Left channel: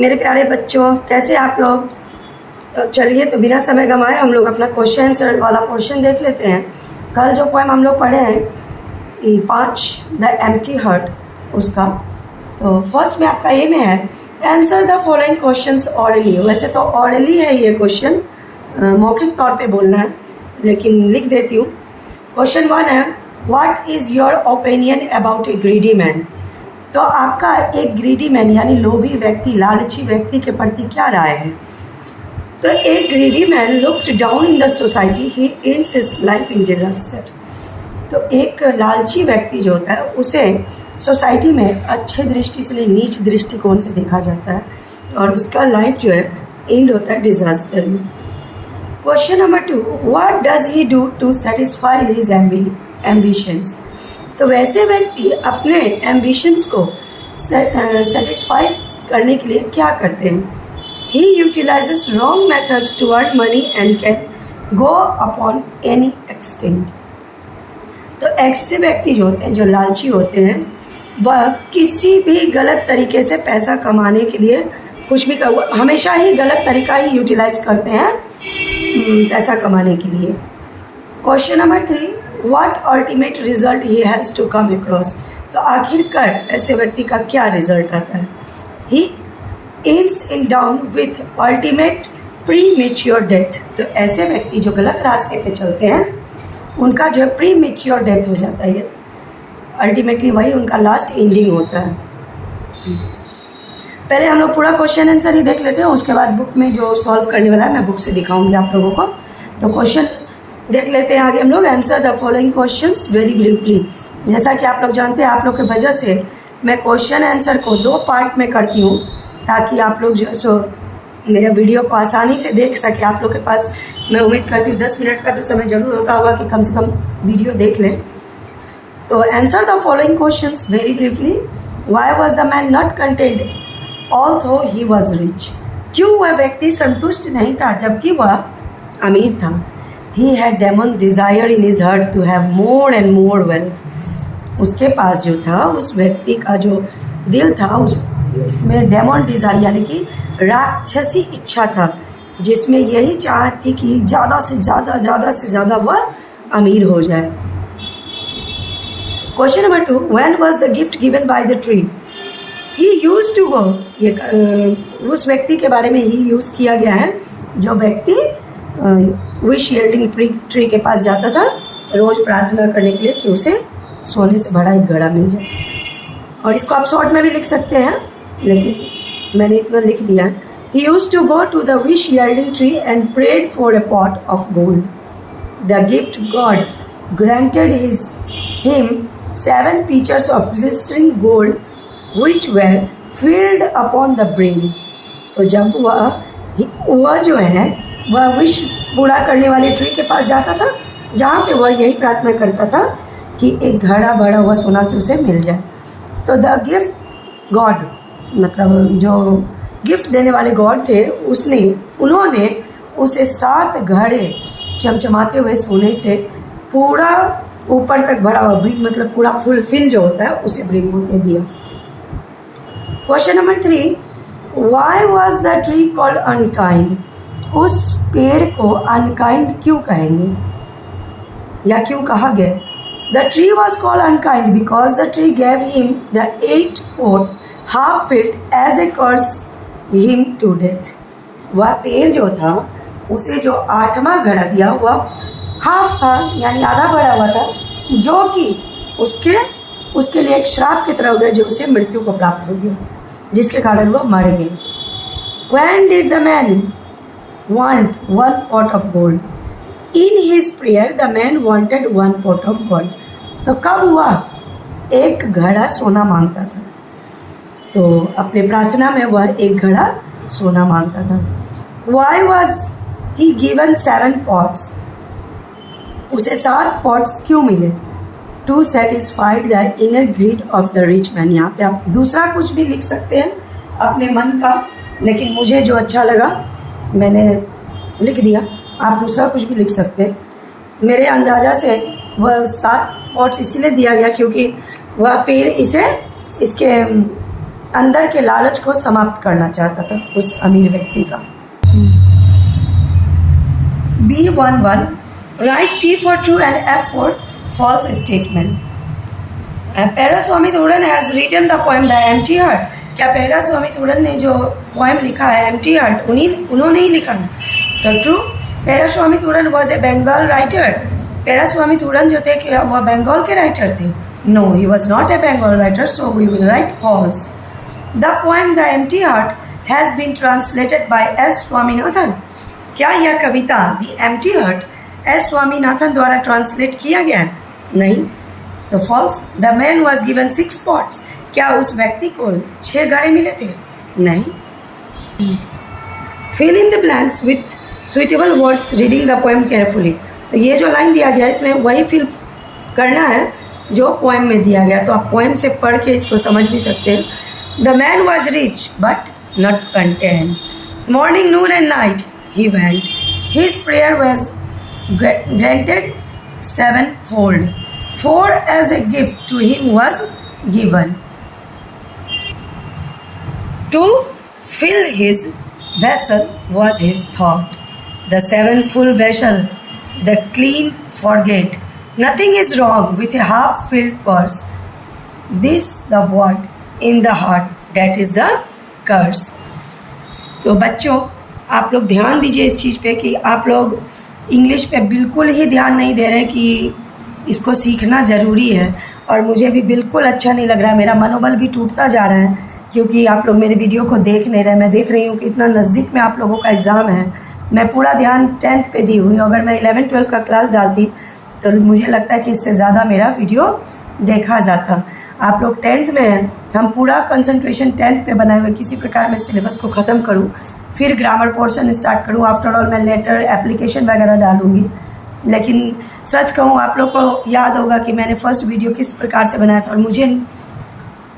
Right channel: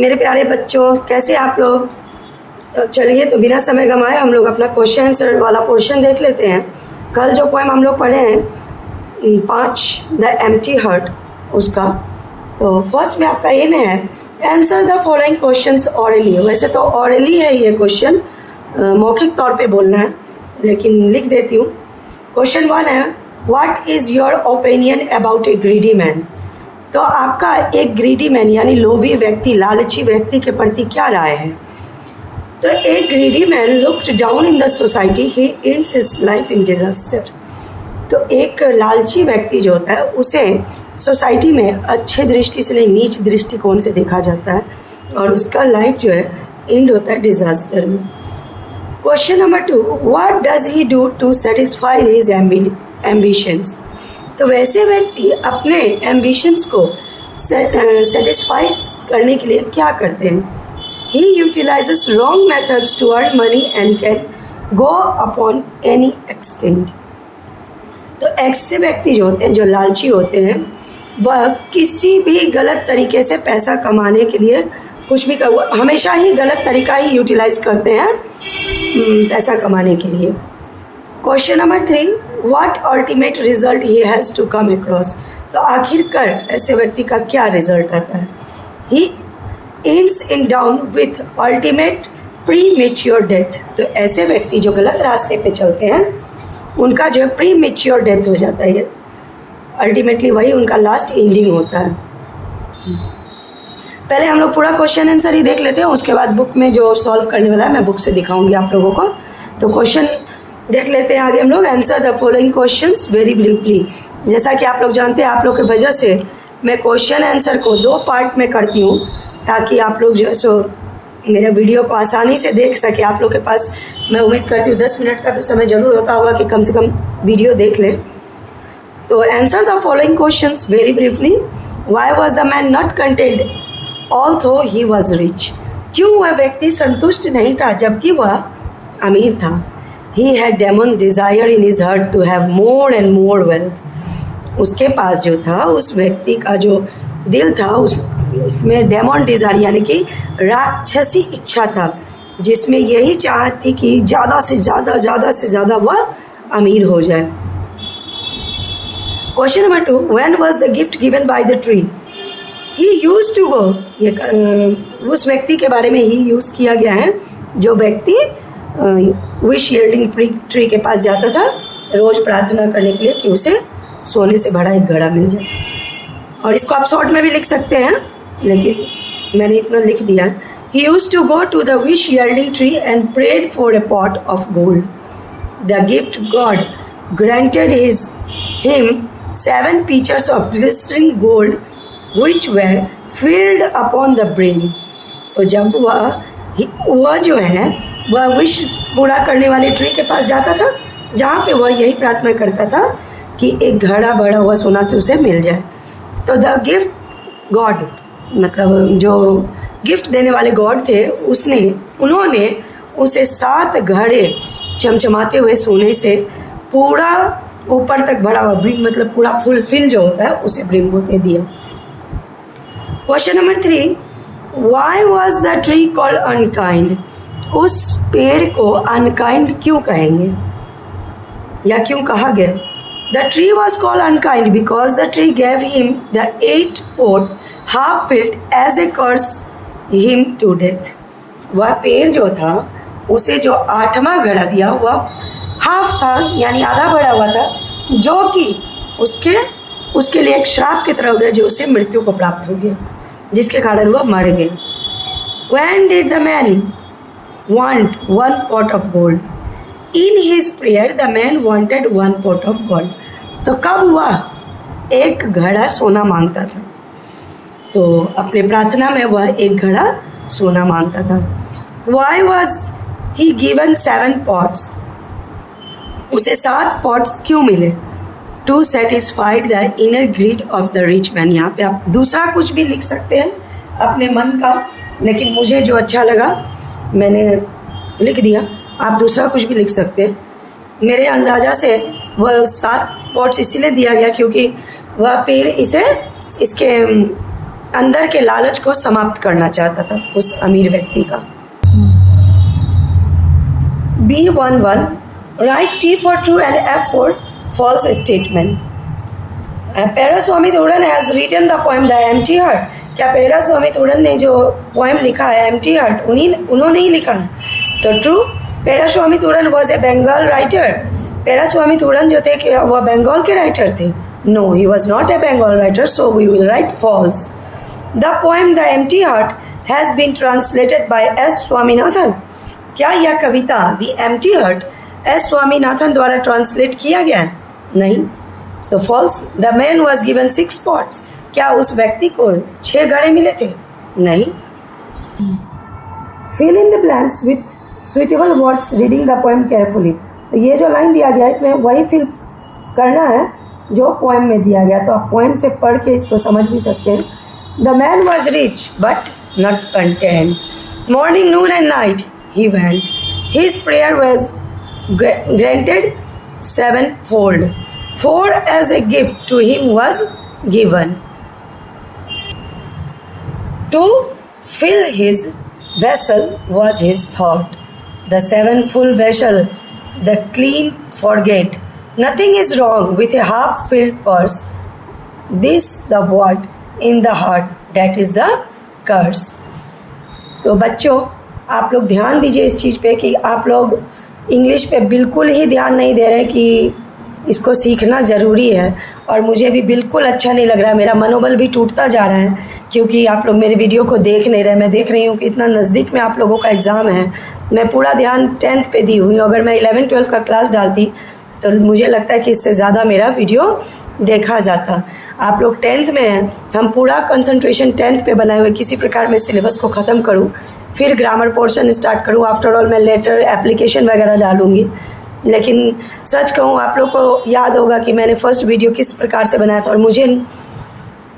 मेरे प्यारे बच्चों, कैसे आप लोग? चलिए तो बिना समय गंवाए हम लोग अपना क्वेश्चन आंसर वाला पोर्शन देख लेते हैं। कल जो पोएम हम लोग पढ़े हैं 5 द एम्प्टी हार्ट, उसका तो फर्स्ट में आपका एम है answer the following questions hourly. वैसे तो ऑरली है ये क्वेश्चन, मौखिक तौर पे बोलना है, लेकिन लिख देती हूँ। क्वेश्चन 1 है what is your opinion about A greedy man. तो आपका एक ग्रीडी मैन यानी लोभी व्यक्ति, लालची व्यक्ति के प्रति क्या राय है? तो एक greedy man looked down in the society, he ends his life in disaster. तो एक लालची व्यक्ति जो होता है उसे सोसाइटी में अच्छे दृष्टि से नहीं, नीच दृष्टिकोण से देखा जाता है और उसका लाइफ जो है एंड होता है डिजास्टर में। Question number 2, what does he do to satisfy his ambitions. तो वैसे व्यक्ति अपने एम्बिशंस को सेटिस्फाई करने के लिए क्या करते हैं? He utilizes wrong methods to earn money and can go upon any extent. तो ऐसे व्यक्ति जो होते हैं, जो लालची होते हैं, वह किसी भी गलत तरीके से पैसा कमाने के लिए कुछ भी हमेशा ही गलत तरीका ही यूटिलाइज करते हैं पैसा कमाने के लिए। Question number 3, what ultimate result he has to come across. तो आखिरकार ऐसे व्यक्ति का क्या रिजल्ट आता है? He ends in down with ultimate premature death. तो ऐसे व्यक्ति जो गलत रास्ते पे चलते हैं उनका जो प्री मेच्योर डेथ हो जाता है, अल्टीमेटली वही उनका लास्ट एंडिंग होता है। पहले हम लोग पूरा क्वेश्चन आंसर ही देख लेते हैं, उसके बाद बुक में जो सॉल्व करने वाला है मैं बुक से दिखाऊंगी आप लोगों को। तो क्वेश्चन देख लेते हैं आगे हम लोग। Answer the following questions very briefly. जैसा कि आप लोग जानते हैं, आप लोग की वजह से मैं क्वेश्चन आंसर को 2 पार्ट में करती हूँ ताकि आप लोग जो सो मेरे वीडियो को आसानी से देख सके। आप लोग के पास मैं उम्मीद करती हूँ 10 मिनट का तो समय जरूर होता होगा कि कम से कम वीडियो देख लें। तो answer the following questions very briefly. Why was the man not content although he was rich. क्यों वह व्यक्ति संतुष्ट नहीं था जबकि वह अमीर था? He had demon desire in his heart to have more and more wealth। उसके पास जो था, उस व्यक्ति का जो दिल था उसमें डेमन डिजायर यानी कि राक्षसी इच्छा था, जिसमें यही चाहत थी कि ज़्यादा से ज़्यादा वह अमीर हो जाए। Question number 2, when was the gift given by the tree? He used to go। ये उस व्यक्ति के बारे में ही यूज़ किया गया है जो व्यक्ति विश यील्डिंग ट्री के पास जाता था रोज प्रार्थना करने के लिए कि उसे सोने से भरा एक घड़ा मिल जाए। और इसको आप शॉर्ट में भी लिख सकते हैं, लेकिन मैंने इतना लिख दिया है। He used to go to the wish yielding tree and prayed for a pot of gold. The gift God granted him 7 pitchers of glittering gold, which were filled upon the brim। तो जब वह जो है वह wish पूरा करने वाले tree के पास जाता था जहाँ पे वह यही प्रार्थना करता था कि एक घड़ा भरा हुआ सोना से उसे मिल जाए। तो द गिफ्ट गॉड, मतलब जो गिफ्ट देने वाले गॉड थे, उन्होंने उसे 7 घड़े चमचमाते हुए सोने से पूरा ऊपर तक भरा हुआ ब्रिम, मतलब पूरा फुलफिल जो होता है उसे ब्रिम को दे दिया। Question number 3, why was the tree called unkind. उस पेड़ को अनकाइंड क्यों कहेंगे या क्यों कहा गया? The tree was called unkind because the tree gave him the 8 pot half filled as a curse him to death. वह पेड़ जो था उसे जो 8वां घड़ा दिया वह हाफ था यानी आधा भरा हुआ था, जो कि उसके लिए एक श्राप की तरह हो गया, जो उसे मृत्यु को प्राप्त हो गया, जिसके कारण वह मर गया। When did the man want 1 pot of gold? In his prayer the man wanted 1 pot of gold। तो कब हुआ? एक घड़ा सोना मांगता था, तो अपने प्रार्थना में वह एक घड़ा सोना मांगता था। Why was he given 7 pots? उसे 7 pots क्यों मिले? To satisfy the inner greed of the rich man। यहाँ पे आप दूसरा कुछ भी लिख सकते हैं अपने मन का, लेकिन मुझे जो अच्छा लगा मैंने लिख दिया। आप दूसरा कुछ भी लिख सकते हैं। मेरे अंदाजा से वह 7 पॉट्स इसीलिए दिया गया क्योंकि वह पेड़ इसके अंदर के लालच को समाप्त करना चाहता था उस अमीर व्यक्ति का। B11 write T for true and F for false statement. Periaswamy Thooran has written the poem the empty heart. क्या पेरास्वामी तोरन ने जो पोएम लिखा है एम्प्टी हार्ट उन्होंने ही लिखा है? तो true, Periaswamy Tooran was a Bengal writer. Periaswamy Tooran जो थे वह बंगाल के राइटर थे? No, he was not a Bengal writer, so we will write false. The poem the empty heart has been translated by S Swaminathan. क्या यह कविता the empty heart S Swaminathan द्वारा ट्रांसलेट किया गया है? नहीं। तो false. The man was given 6 spots. क्या उस व्यक्ति को 6 घड़े मिले थे? नहीं। Fill in the blanks with suitable words reading the poem carefully. तो ये जो लाइन दिया गया है इसमें वही फिल करना है जो पोएम में दिया गया। तो आप पोएम से पढ़ के इसको समझ भी सकते हैं। The man was rich but not content. Morning, Noon and night he went. His prayer was granted 7-fold. For as a gift to him was given. To fill his vessel was his thought. The 7 full vessel, the clean forget. Nothing is wrong with a half-filled purse. This the word in the heart, that is the curse. तो बच्चों, आप लोग ध्यान दीजिए इस चीज़ पे कि आप लोग इंग्लिश पे बिल्कुल ही ध्यान नहीं दे रहे कि इसको सीखना ज़रूरी है। और मुझे भी बिल्कुल अच्छा नहीं लग रहा, मेरा मनोबल भी टूटता जा रहा है क्योंकि आप लोग मेरे वीडियो को देख नहीं रहे। मैं देख रही हूँ कि इतना नज़दीक में आप लोगों का एग्ज़ाम है। मैं पूरा ध्यान 10th पे दी हुई हूँ। अगर मैं 11-12 का क्लास डालती तो मुझे लगता है कि इससे ज़्यादा मेरा वीडियो देखा जाता। आप लोग 10th में हैं, हम पूरा कंसंट्रेशन 10th पे बनाए हुए। किसी प्रकार मैं सिलेबस को ख़त्म करूँ, फिर ग्रामर पोर्शन स्टार्ट करूँ। आफ्टर ऑल मैं लेटर एप्लीकेशन वगैरह डालूँगी। लेकिन सच कहूँ, आप लोग को याद होगा कि मैंने फर्स्ट वीडियो किस प्रकार से बनाया था और मुझे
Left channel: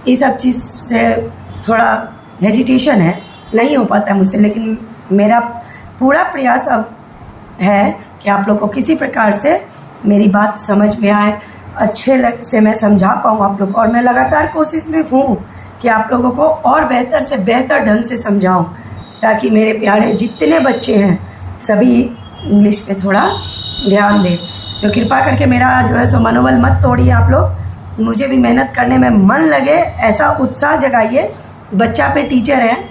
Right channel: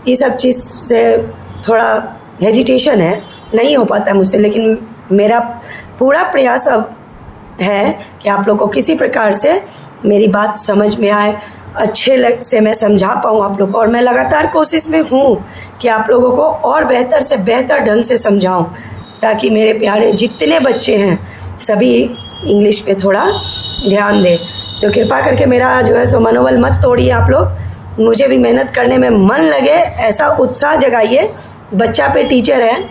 इस सब चीज़ से थोड़ा हेजिटेशन है, नहीं हो पाता मुझसे। लेकिन मेरा पूरा प्रयास अब है कि आप लोग को किसी प्रकार से मेरी बात समझ में आए, अच्छे से मैं समझा पाऊँ आप लोग को। और मैं लगातार कोशिश में हूँ कि आप लोगों को और बेहतर से बेहतर ढंग से समझाऊँ, ताकि मेरे प्यारे जितने बच्चे हैं सभी इंग्लिश पे थोड़ा ध्यान दें। तो कृपा करके मेरा जो है सो मनोबल मत तोड़िए आप लोग। मुझे भी मेहनत करने में मन लगे, ऐसा उत्साह जगाइए। बच्चा पे टीचर है,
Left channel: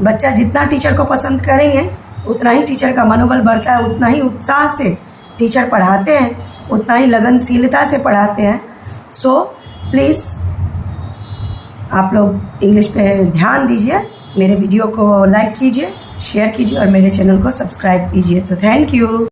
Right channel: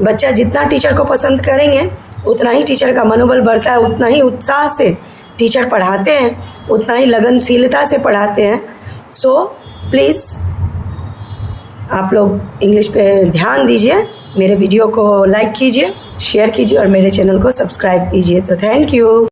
बच्चा जितना टीचर को पसंद करेंगे उतना ही टीचर का मनोबल बढ़ता है, उतना ही उत्साह से टीचर पढ़ाते हैं, उतना ही लगनशीलता से पढ़ाते हैं। सो प्लीज़ आप लोग इंग्लिश पे ध्यान दीजिए, मेरे वीडियो को लाइक कीजिए, शेयर कीजिए और मेरे चैनल को सब्सक्राइब कीजिए। तो थैंक यू।